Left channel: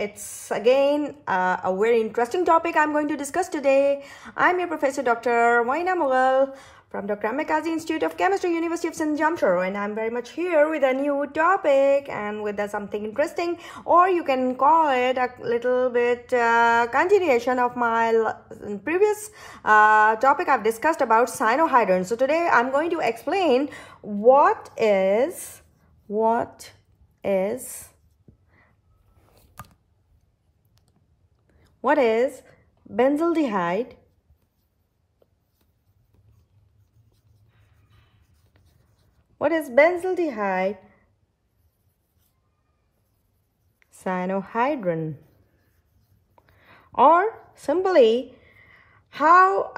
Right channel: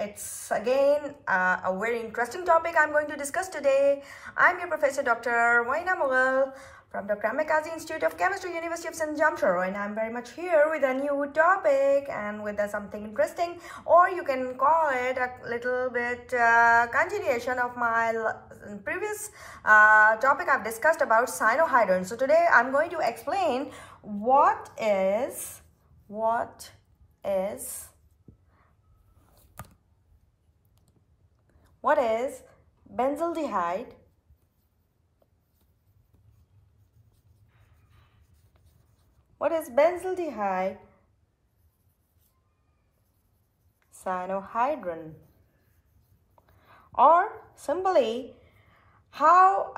It's again a very interesting topic I'm going to discuss today. I'm your Professor Dr. Mchem from Dr.Mchem Institute of Chemistry, University of St. Jamshedpur, and I'm very much here with a new topic and with something interesting, or you can call it a little bit continuation of my previous topic I've discussed about cyanohydrin. So today I'm going to explain what is benzaldehyde, cyanohydrin, or simply how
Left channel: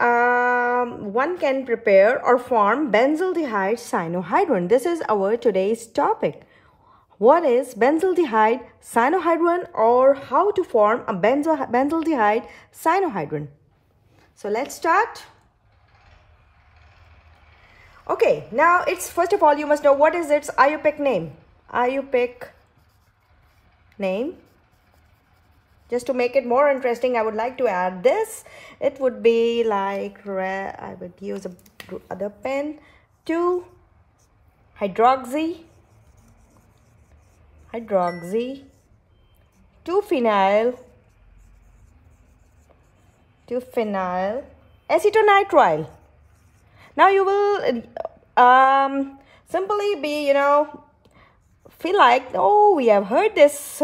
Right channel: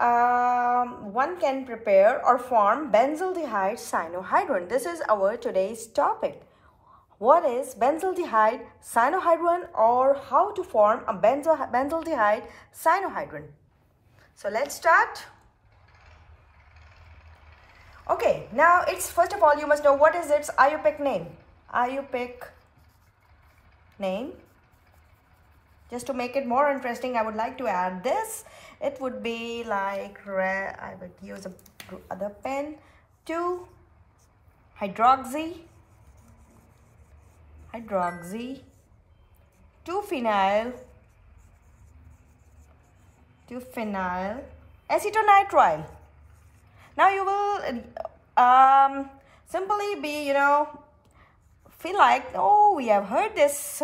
one can prepare or form benzaldehyde cyanohydrin. This is our today's topic. What is benzaldehyde cyanohydrin, or how to form a benzaldehyde cyanohydrin? So let's start. Okay, now it's first of all you must know what is its Iupac name. Iupac name. Just to make it more interesting, I would like to add this. It would be like, I would use other pen, 2-hydroxy, 2-phenyl, acetonitrile. Now you will simply be, feel like, oh, we have heard this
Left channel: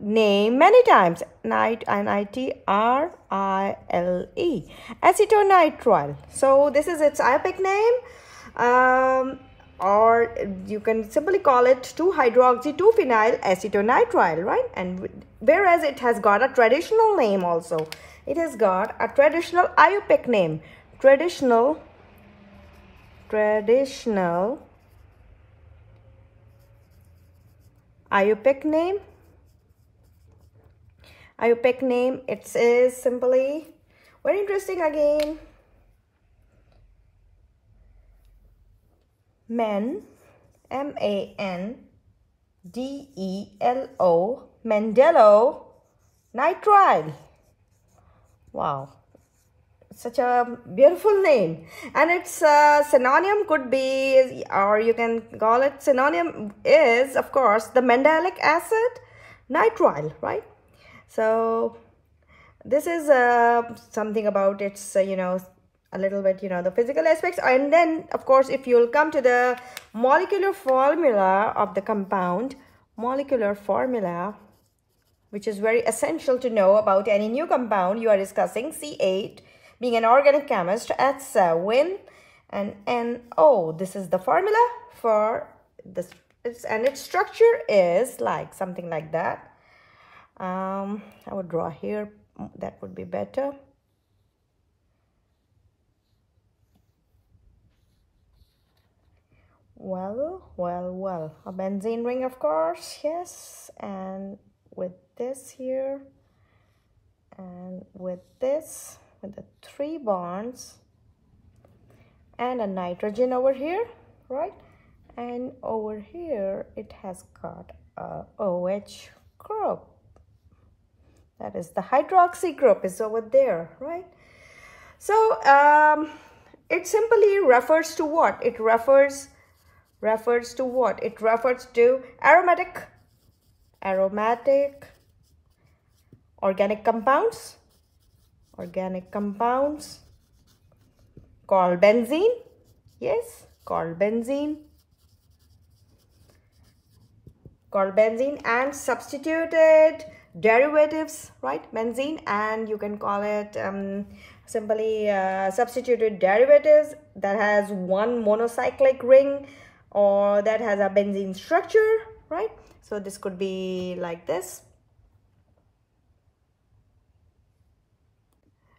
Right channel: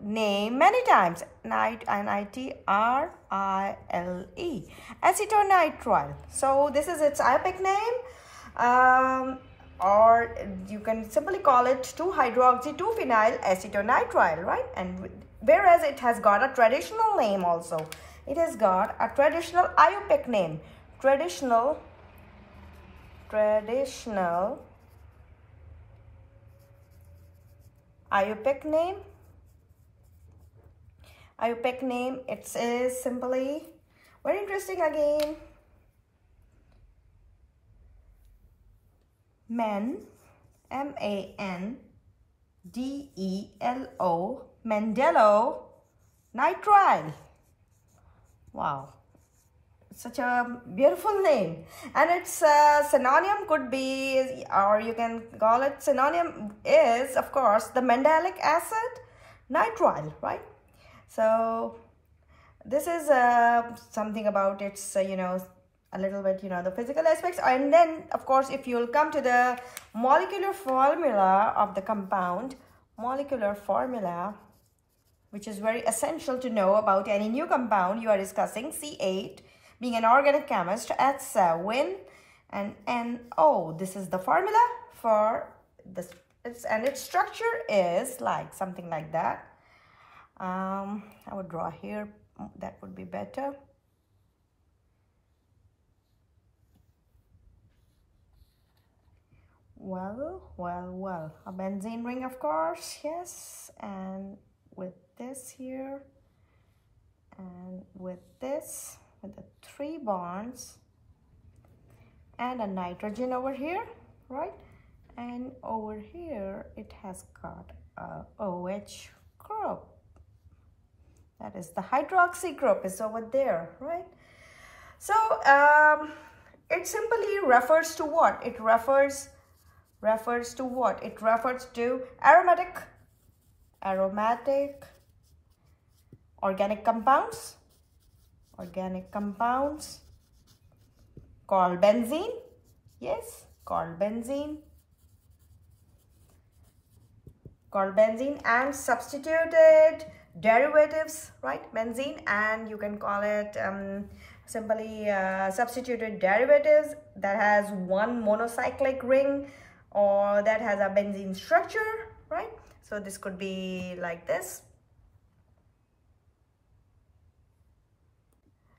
name many times. Nitrile, acetonitrile. So this is its Iupac name, or you can simply call it 2-hydroxy 2-phenyl acetonitrile, right? And whereas it has got a traditional name also. It has got a traditional Iupac name. Traditional Iupac name. It is simply very interesting again. mandelo, mandelo nitrile. Wow, such a beautiful name. And its synonym could be, or you can call it, synonym is of course the mandalic acid nitrile, right? So this is something about its a little bit the physical aspects. And then of course if you'll come to the molecular formula of the compound, which is very essential to know about any new compound you are discussing. C8, being an organic chemist, at 7 and NO. This is the formula for this, and its structure is like something like that. I would draw here, that would be better. Well, a benzene ring, of course, yes, and with this here, and with this, with the 3 bonds, and a nitrogen over here, right? And over here it has got a OH group. That is the hydroxy group is over there, right? So it simply refers to what? It refers to what? It refers to aromatic organic compounds called benzene. Yes, called benzene, and substituted derivatives, right? Benzene, and you can call it simply substituted derivatives that has one monocyclic ring, or that has a benzene structure, right? So this could be like this.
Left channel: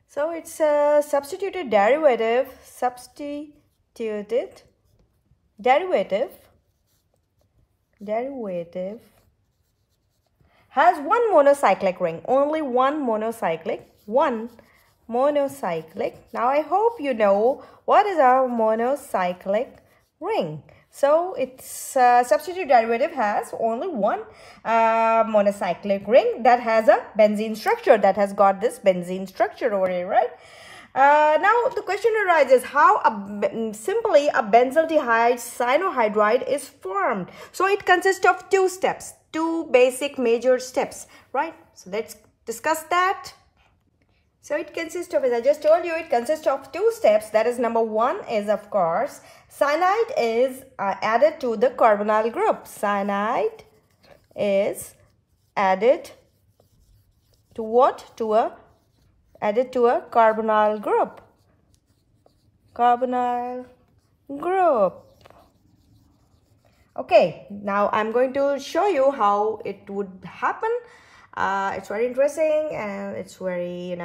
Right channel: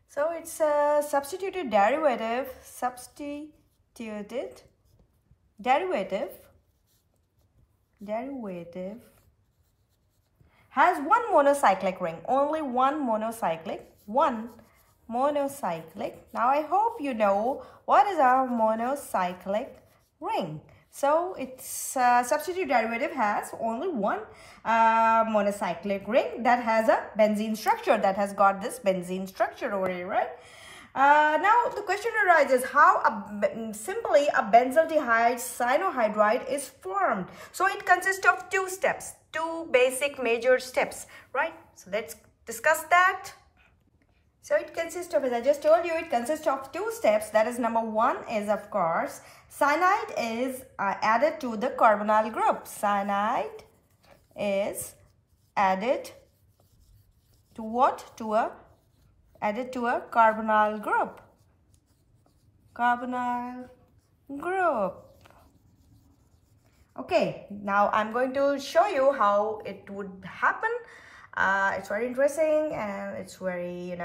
So it's a substituted derivative, has one monocyclic ring, only one monocyclic. Now I hope you know what is our monocyclic ring. So its substitute derivative has only one monocyclic ring that has a benzene structure, that has got this benzene structure over here, right? Now the question arises how simply a benzaldehyde cyanohydride is formed. So it consists of two steps, two basic major steps, right? So let's discuss that. So it consists of, as I just told you, it consists of two steps. That is, number one is, of course, cyanide is added to the carbonyl group. Cyanide is added to what? Added to a carbonyl group. Carbonyl group. Okay, now I'm going to show you how it would happen. It's very interesting and it's very,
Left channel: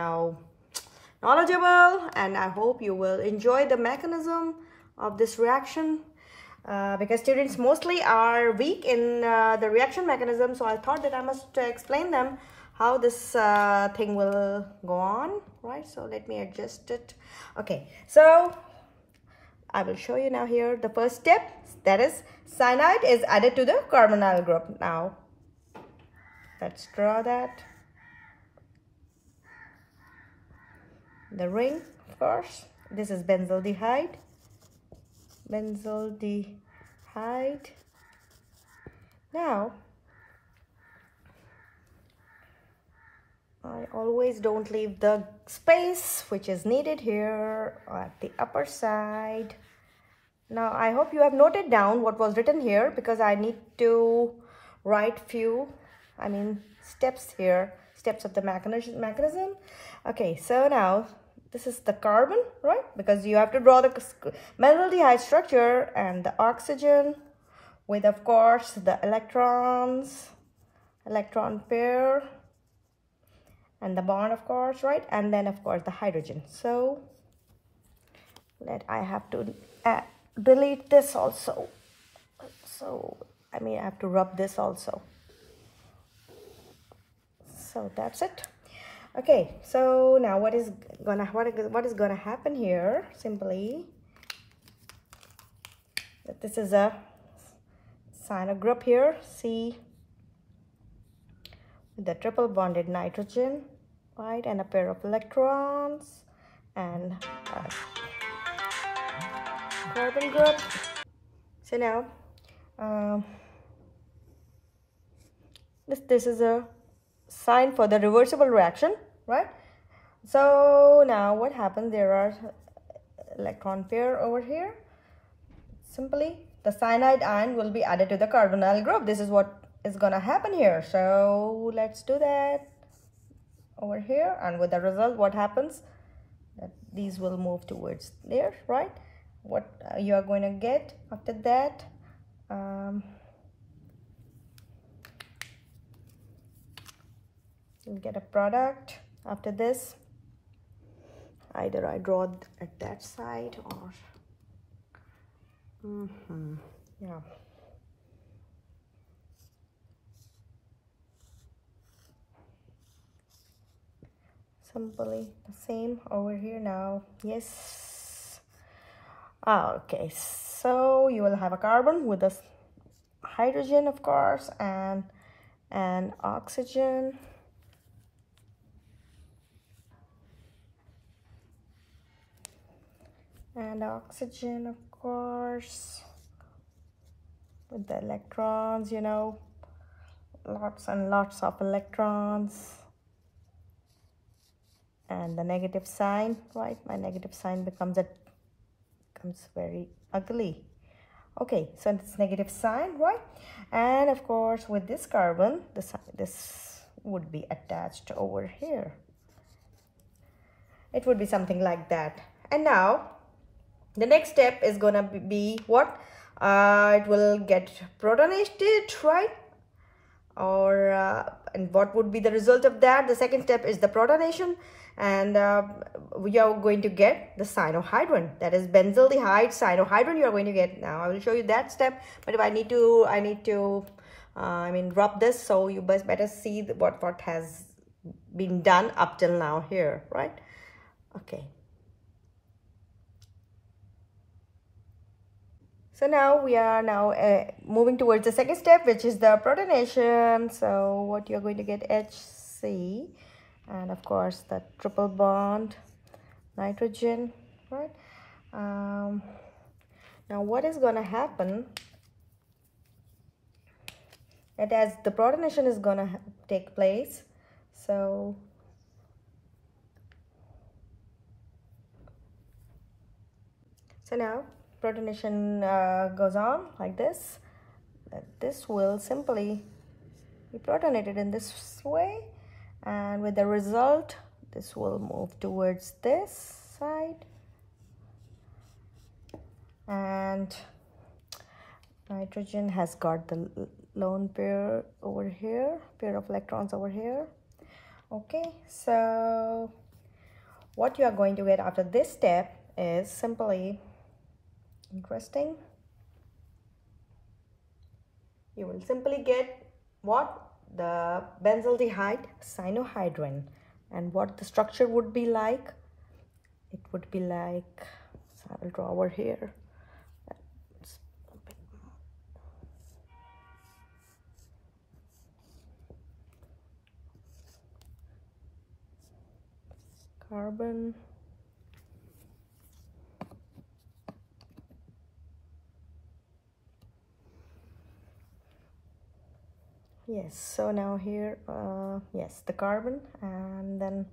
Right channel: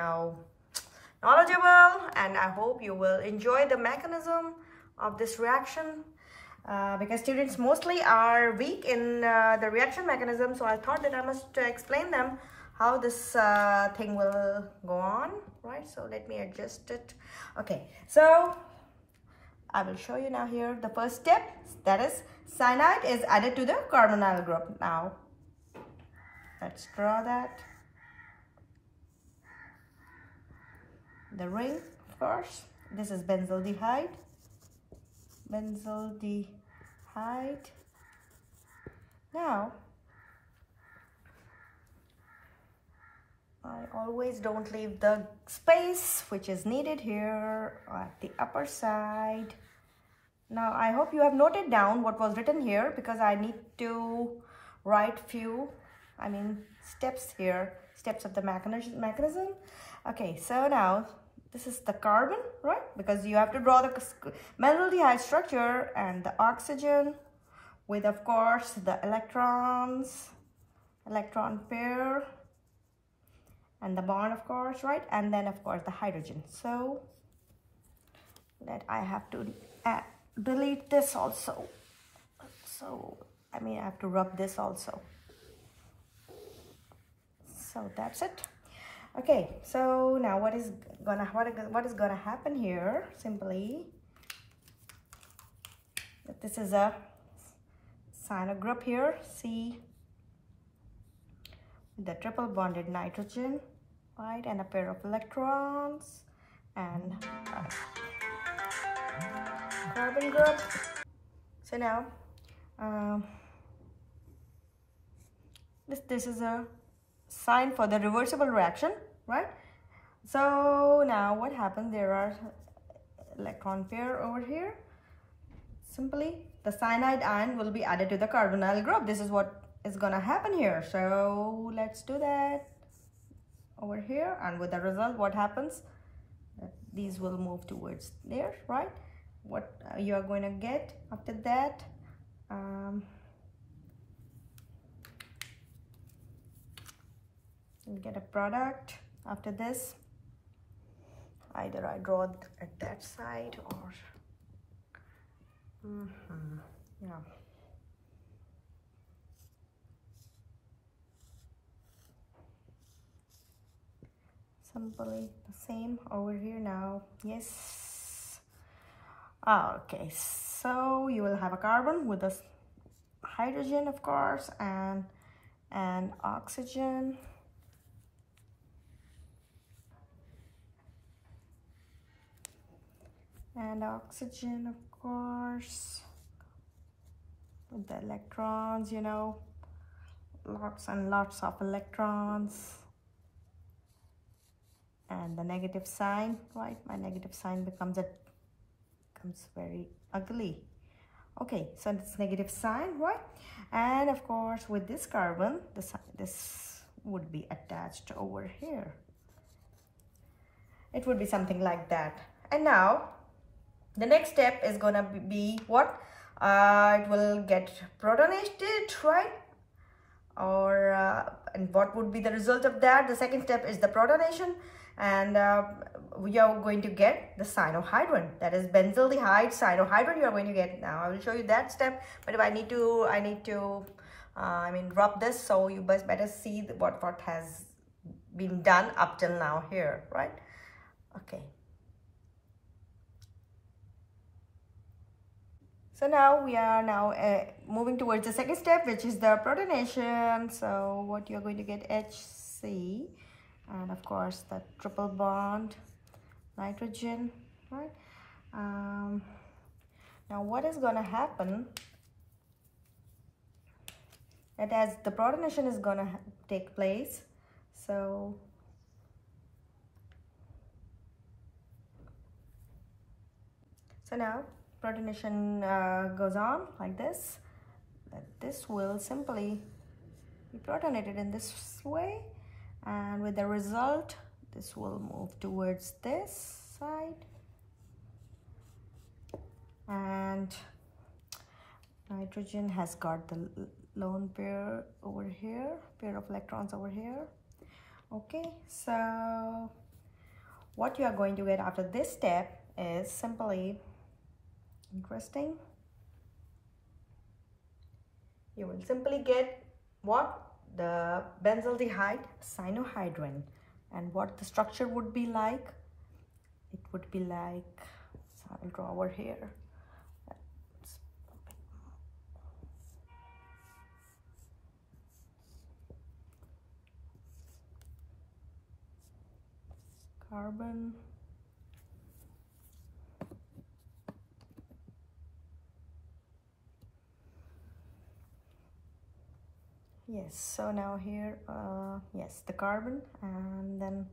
knowledgeable, and I hope you will enjoy the mechanism of this reaction because students mostly are weak in the reaction mechanism. So I thought that I must explain them how this thing will go on, right? So let me adjust it. Okay, so I will show you now here the first step, that is cyanide is added to the carbonyl group. Now let's draw that. The ring, of course. This is benzaldehyde. Benzaldehyde. Now, I always don't leave the space which is needed here at the upper side. Now, I hope you have noted down what was written here because I need to write few steps here, steps of the mechanism. Okay, so now this is the carbon, right? Because you have to draw the benzaldehyde structure and the oxygen with, of course, the electron pair and the bond, of course, right? And then, of course, the hydrogen. So that I have to delete this also. So I have to rub this also. So that's it. Okay, so now what is gonna happen here? Simply, this is a cyano group here, C, with the triple bonded nitrogen, right, and a pair of electrons and carbon group. So now this is a sign for the reversible reaction, right? So now what happens, there are electron pair over here. Simply the cyanide ion will be added to the carbonyl group. This is what is gonna happen here. So let's do that over here, and with the result, what happens, that these will move towards there, right? What you are going to get after that, you'll get a product after this. Either I draw at that side or yeah. Simply the same over here now. Yes. Okay, so you will have a carbon with a hydrogen, of course, and oxygen. And oxygen, of course, with the electrons, lots and lots of electrons. And the negative sign, right? My negative sign becomes very ugly. Okay, so it's negative sign, right? And of course, with this carbon, this would be attached over here. It would be something like that. And now, the next step is gonna be what? It will get protonated, right? Or and what would be the result of that? The second step is the protonation, and we are going to get the cyanohydrin. That is benzaldehyde cyanohydrin. You are going to get. Now I will show you that step. But if I need to rub this, so you must better see what has been done up till now here, right? Okay. So now we are moving towards the second step, which is the protonation. So what you're going to get HC, and of course the triple bond nitrogen, right? Now what is going to happen, that as the protonation is going to take place, so now protonation goes on like this. This will simply be protonated in this way, and with the result, this will move towards this side, and nitrogen has got the lone pair over here, pair of electrons over here. Okay, so what you are going to get after this step is simply interesting. You will simply get what? The benzaldehyde cyanohydrin. And what the structure would be like? It would be like, so I will draw over here. Carbon, yes, so now here, yes, the carbon, and then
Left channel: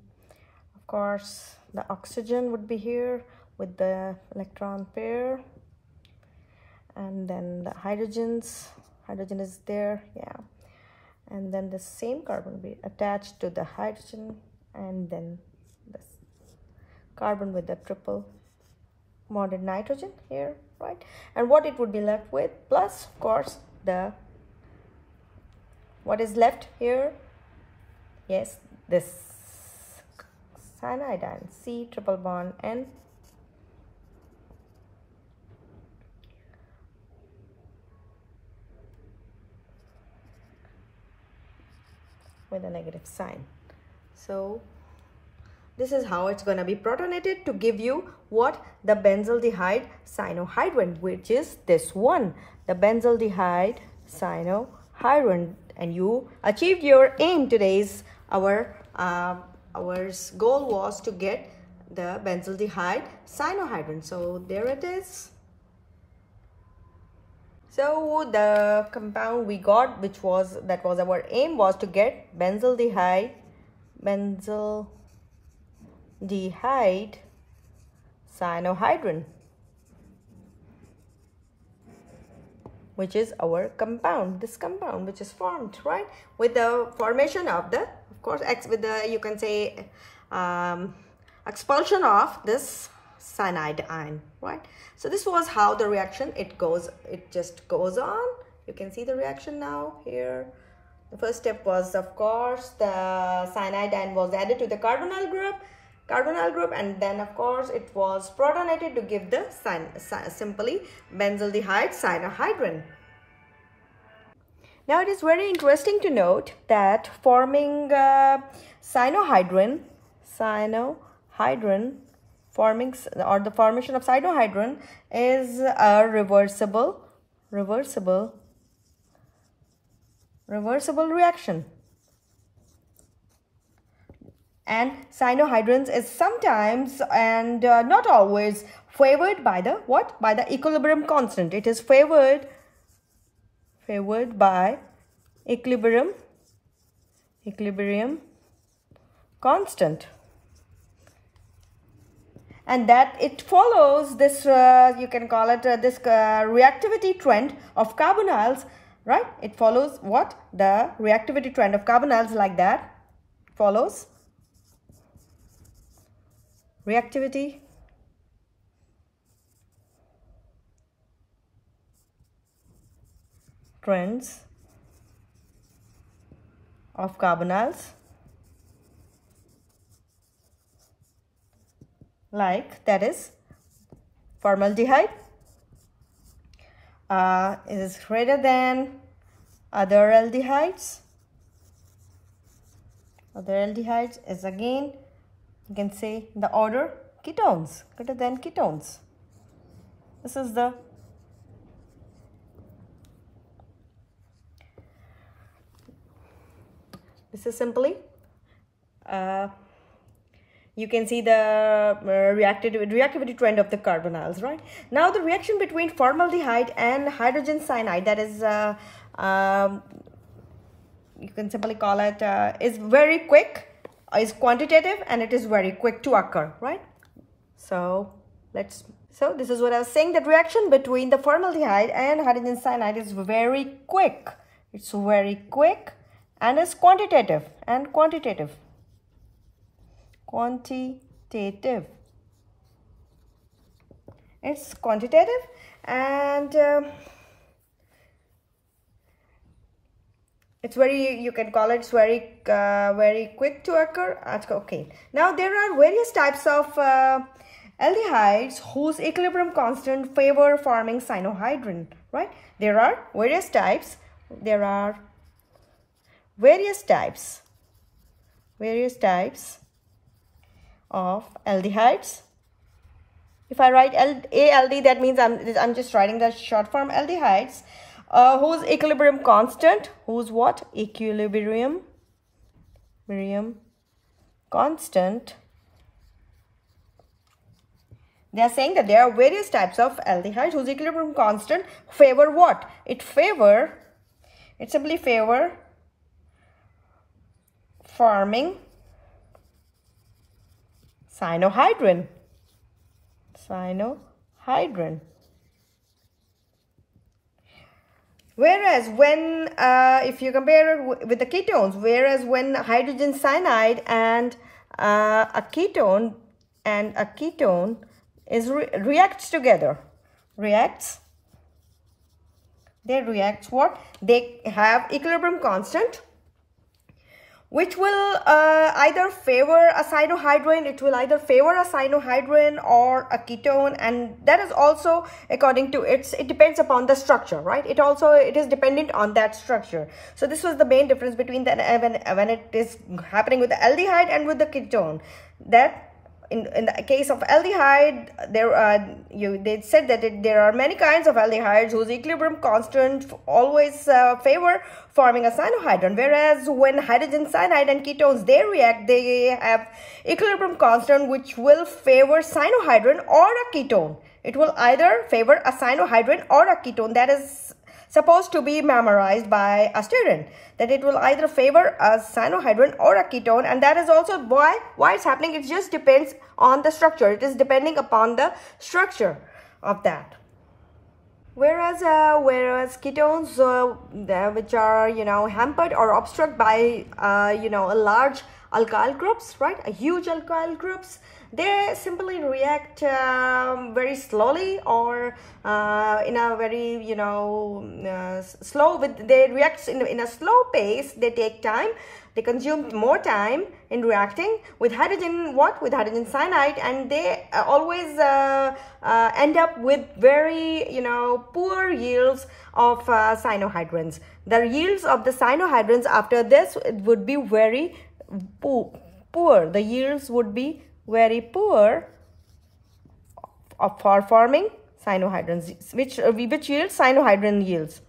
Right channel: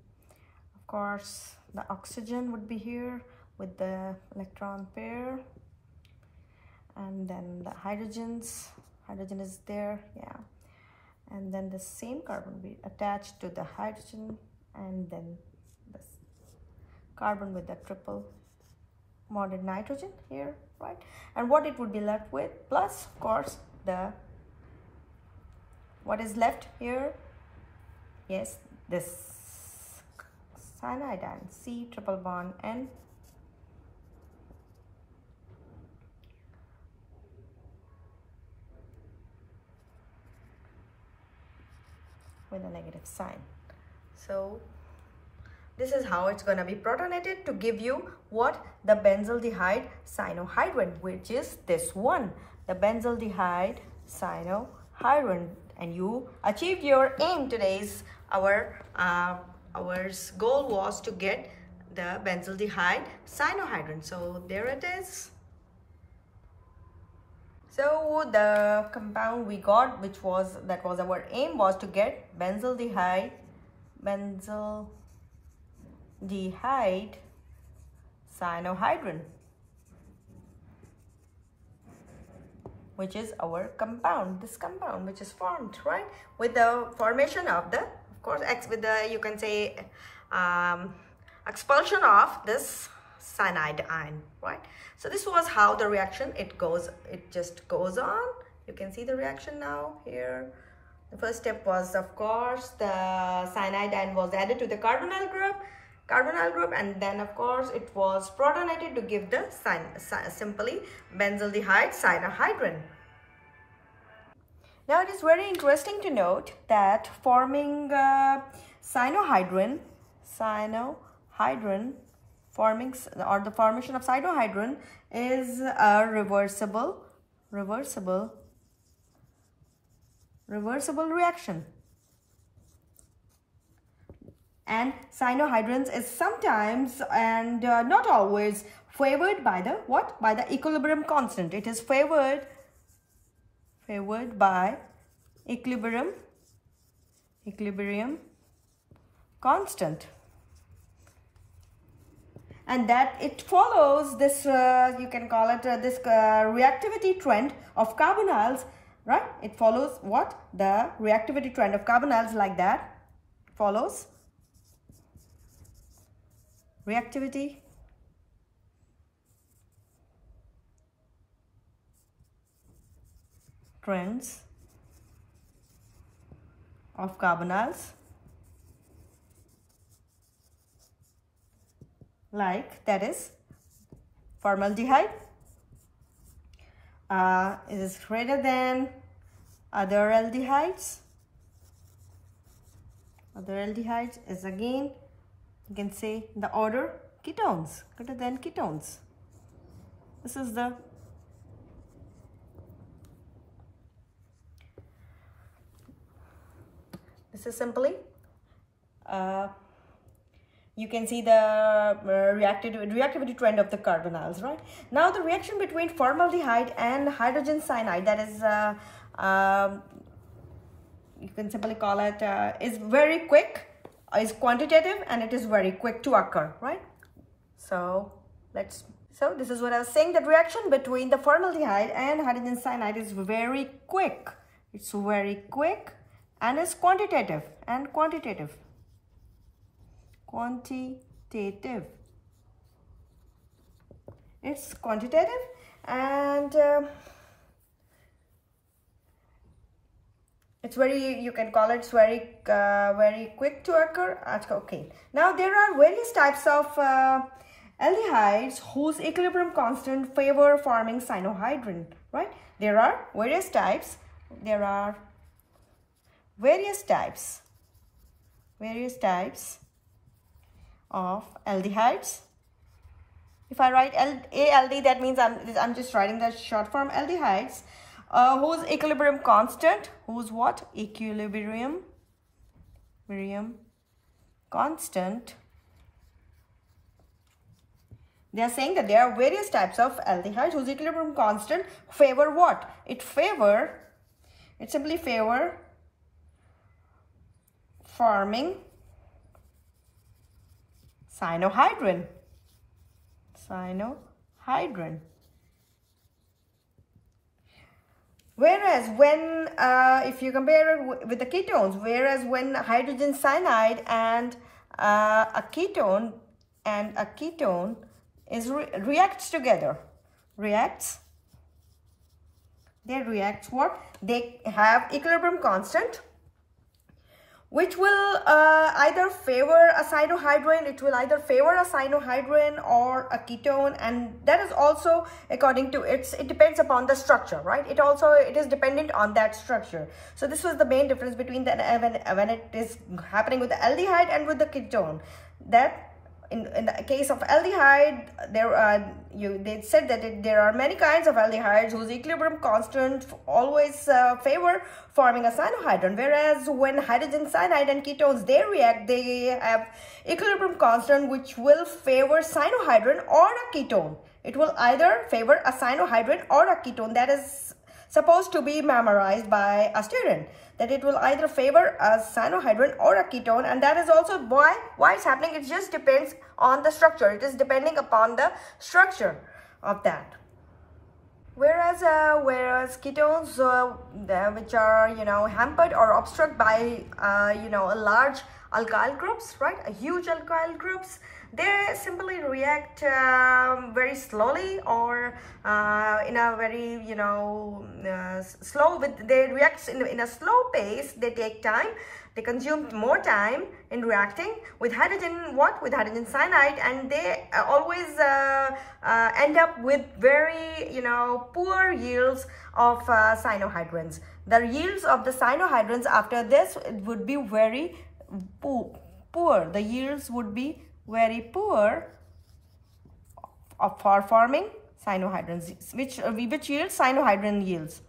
of course the oxygen would be here with the electron pair, and then the hydrogen is there, yeah, and then the same carbon will be attached to the hydrogen, and then this carbon with the triple bonded nitrogen here, right? And what it would be left with, plus of course the what is left here, yes, this cyanidine, C triple bond N, with a negative sign. So this is how it's going to be protonated to give you what? The benzaldehyde cyanohydrin, which is this one, the benzaldehyde cyanohydrin. And you achieved your aim. Today's our goal was to get the benzaldehyde cyanohydrin. So there it is. So the compound we got, that was our aim, was to get benzaldehyde cyanohydrin, which is our compound, this compound which is formed, right, with the formation of the, of course, with the, you can say, expulsion of this cyanide ion, right? So this was how the reaction, it just goes on. You can see the reaction now here. The first step was, of course, the cyanide ion was added to the carbonyl group, and then of course it was protonated to give the simply benzaldehyde cyanohydrin. Now it is very interesting to note that forming cyanohydrin forming, or the formation of cyanohydrin, is a reversible reaction. And cyanohydrins is sometimes and not always favored by the what? By the equilibrium constant. It is favored by equilibrium constant. And that it follows this, you can call it this reactivity trend of carbonyls, right? It follows what? The reactivity trend of carbonyls, like that. Follows reactivity trends of carbonyls, like that is formaldehyde is greater than other aldehydes. Other aldehydes is again, you can say, the order ketones, greater than ketones. This is the This is simply you can see the reactivity trend of the carbonyls, right? Now the reaction between formaldehyde and hydrogen cyanide, that is you can simply call it is very quick, is quantitative, and it is very quick to occur, right? So this is what I was saying, that reaction between the formaldehyde and hydrogen cyanide is very quick. It's very quick and is quantitative It's quantitative, and it's very, you can call it very quick to occur. Okay, now there are various types of aldehydes whose equilibrium constant favor forming cyanohydrin, right? There are various types. There are various types of aldehydes. If I write ALD, that means I'm just writing the short form aldehydes, whose equilibrium constant, whose what? Equilibrium constant. They are saying that there are various types of aldehydes whose equilibrium constant favor what? It simply favor forming cyanohydrin. Whereas when, if you compare it with the ketones, whereas when hydrogen cyanide and a ketone reacts together, they react what? They have equilibrium constant, which will either favor a cyanohydrin, or a ketone, and that is also according to it depends upon the structure, right? It is dependent on that structure. So this was the main difference between when it is happening with the aldehyde and with the ketone. That in the case of aldehyde, they said that there are many kinds of aldehydes whose equilibrium constant always favor forming a cyanohydrin, whereas when hydrogen cyanide and ketones they react, they have equilibrium constant which will favor cyanohydrin or a ketone. It will either favor a cyanohydrin or a ketone. That is supposed to be memorized by a student, that it will either favor a cyanohydrin or a ketone, and that is also why it's happening. It just depends on the structure. It is depending upon the structure of that. Whereas ketones, which are hampered or obstruct by large alkyl groups, right? A huge alkyl groups, they simply react very slowly, or in a very they react in a slow pace. They take time. They consume more time in reacting with hydrogen cyanide, and they always end up with very poor yields of cyanohydrins. The yields of the cyanohydrins after this, it would be very poor. The yields would be very poor for forming cyanohydrins, which yields cyanohydrin yields.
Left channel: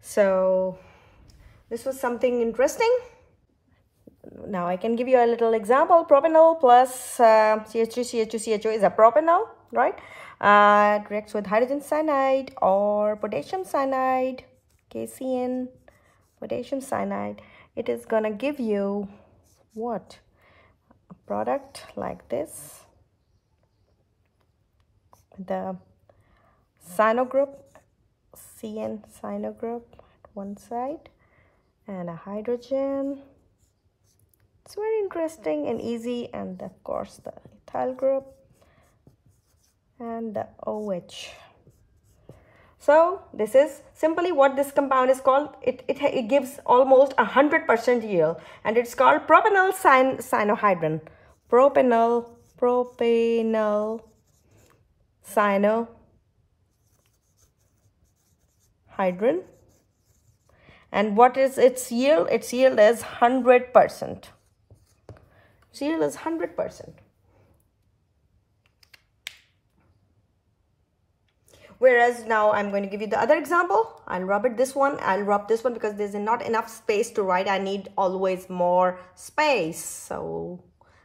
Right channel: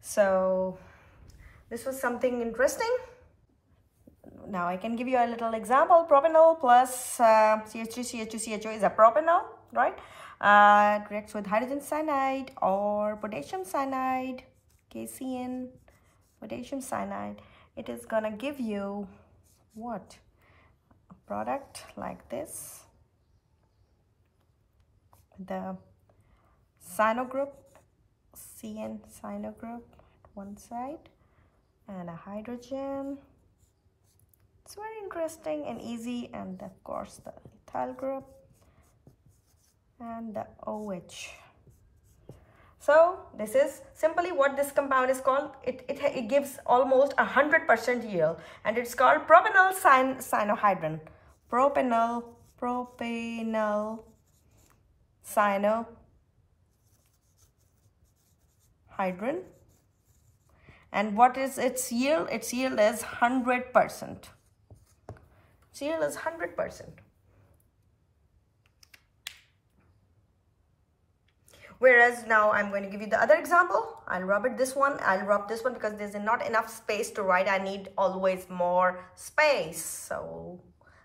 So this was something interesting. Now I can give you a little example. Propanol plus CH3CH2CHO is a propanol, right? It reacts with hydrogen cyanide or potassium cyanide, KCN, potassium cyanide. It is gonna give you what? A product like this. The cyano group, CN cyano group at one side, and a hydrogen. It's very interesting and easy, and of course the ethyl group and the OH. So this is simply what this compound is called. It gives almost 100% yield, and it's called propanol cyanohydrin. Propanol cyanohydrin. And what is its yield? Its yield is 100%. Its yield is 100%. Whereas now I'm going to give you the other example. I'll rub this one because there's not enough space to write. I need always more space. So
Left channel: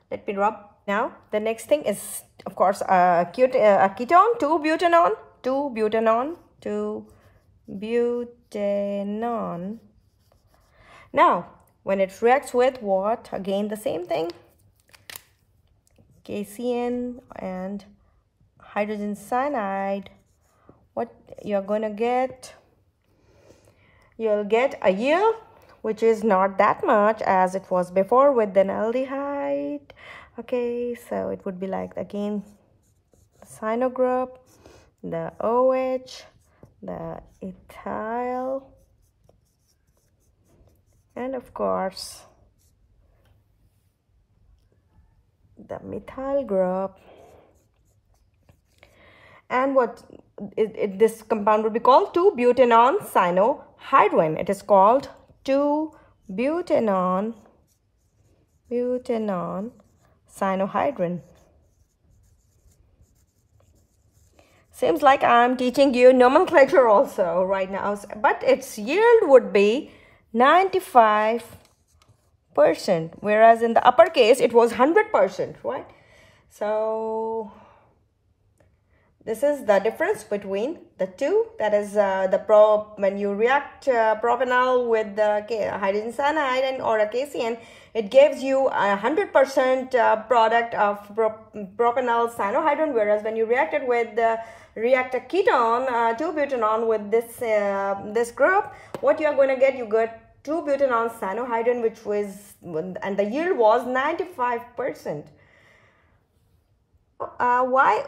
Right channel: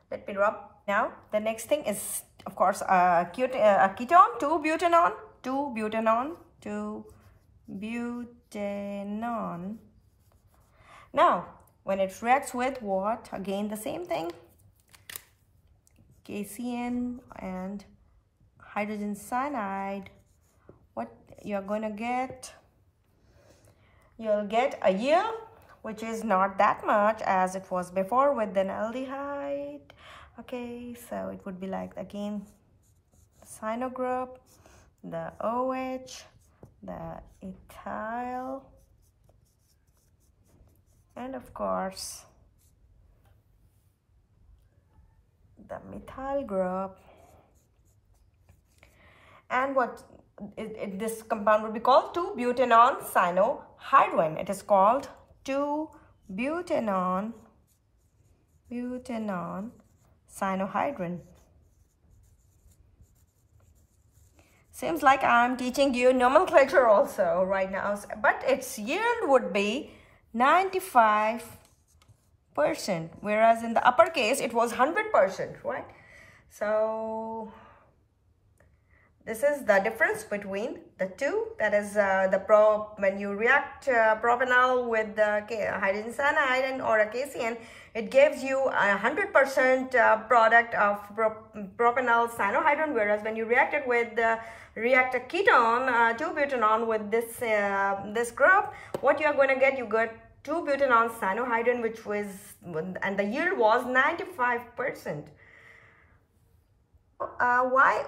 let me rub. Now the next thing is, of course, a ketone, 2-butanone. Now when it reacts with what? Again the same thing, HCN and hydrogen cyanide. What you're going to get? You'll get a yield which is not that much as it was before with an aldehyde. Okay, so it would be like, again, the cyano group, the OH, the ethyl, and of course the methyl group. And what this compound would be called? 2-butanone cyanohydrin. It is called 2-butanone cyanohydrin. Seems like I'm teaching you nomenclature also right now, but its yield would be 95%, whereas in the uppercase it was 100%, right? So this is the difference between the two. That is when you react propanol with the hydrogen cyanide or a KCN, it gives you 100% product of propanol cyanohydrin, whereas when you react it with react a ketone, 2-butanone with this group, what you are going to get? You get 2-butanone cyanohydrin, which was, and the yield was 95%. Why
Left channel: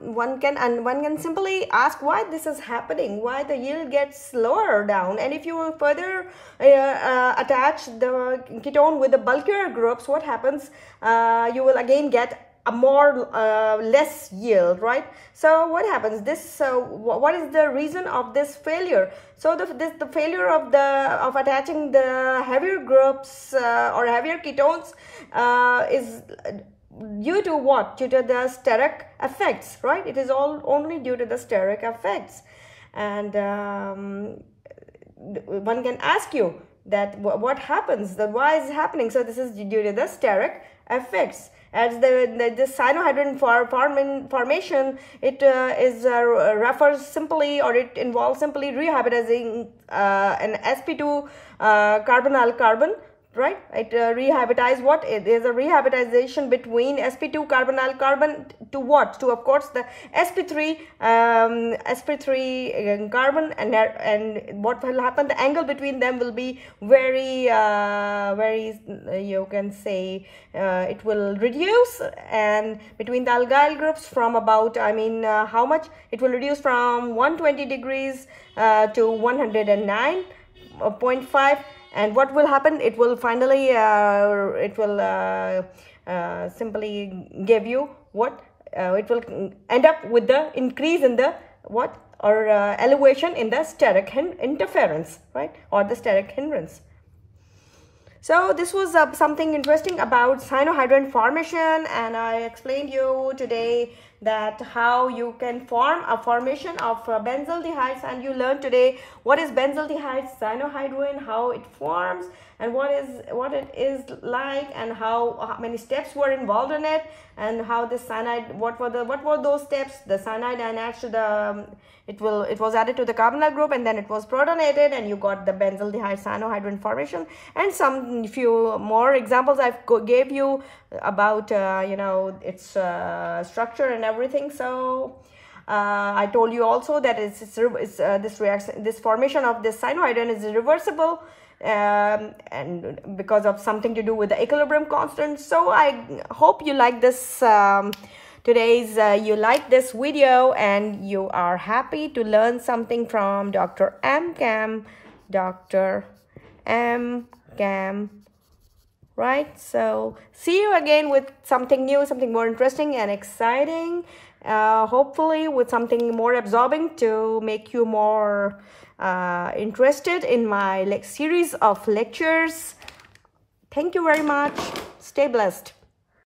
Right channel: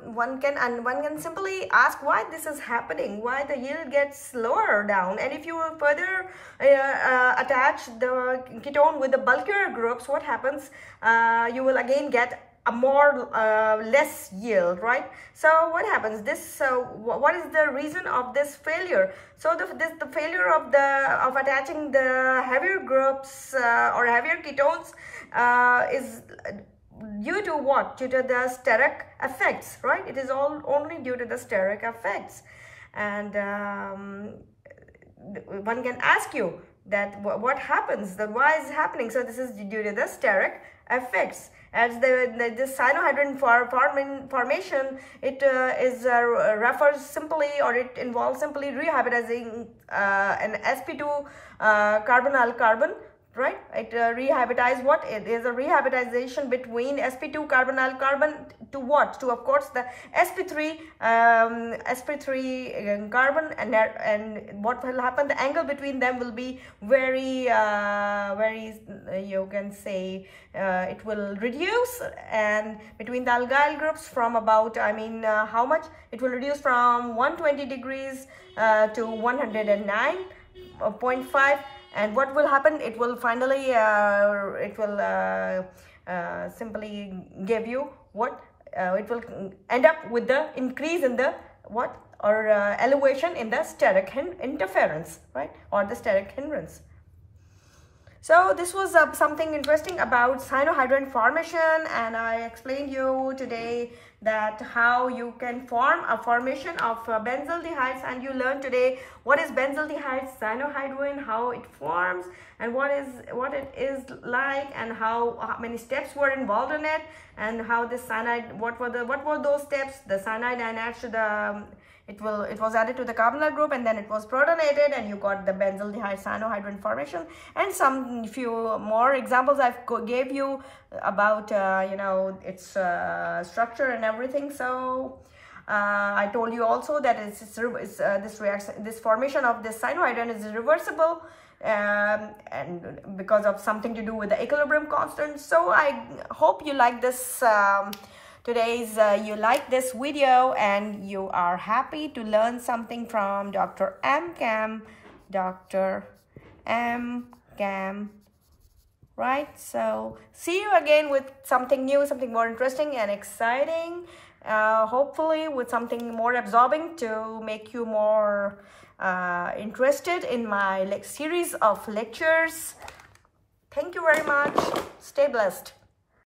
one can simply ask why this is happening, why the yield gets lower down. And if you will further attach the ketone with the bulkier groups, what happens? You will again get a more less yield, right? So what happens? What is the reason of this failure? So the failure of attaching the heavier groups or heavier ketones is due to what? Due to the steric effects, right? It is all only due to the steric effects. And one can ask you that what happens, why is it happening? So this is due to the steric effects. As the cyanohydrin formation, it refers simply, or it involves simply rehybridizing an sp2 carbonyl carbon, right? It rehybridizes what? It is a rehybridization between sp2 carbonyl carbon to what? To, of course, the sp3 carbon, and what will happen? The angle between them will be very you can say it will reduce, and between the alkyl groups from about, how much? It will reduce from 120 degrees to 109.5. And what will happen? It will finally, simply give you what? It will end up with the increase in the what? Or elevation in the steric interference, right? Or the steric hindrance. So this was something interesting about cyanohydrin formation, and I explained you today that how you can form a formation of benzaldehydes, and you learned today what is benzaldehyde cyanohydrin, how it forms, and what it is like, and how many steps were involved in it, and how this cyanide, what were those steps? The cyanide, and actually it was added to the carbonyl group, and then it was protonated, and you got the benzaldehyde cyanohydrin formation. And some few more examples I gave you about its structure and everything. So I told you also that this formation of this cyanohydrin is reversible, and because of something to do with the equilibrium constant. So I hope you like this you like this video, and you are happy to learn something from Dr.Mchem, right? So see you again with something new, something more interesting and exciting, hopefully with something more absorbing to make you more interested in my series of lectures. Thank you very much. Stay blessed.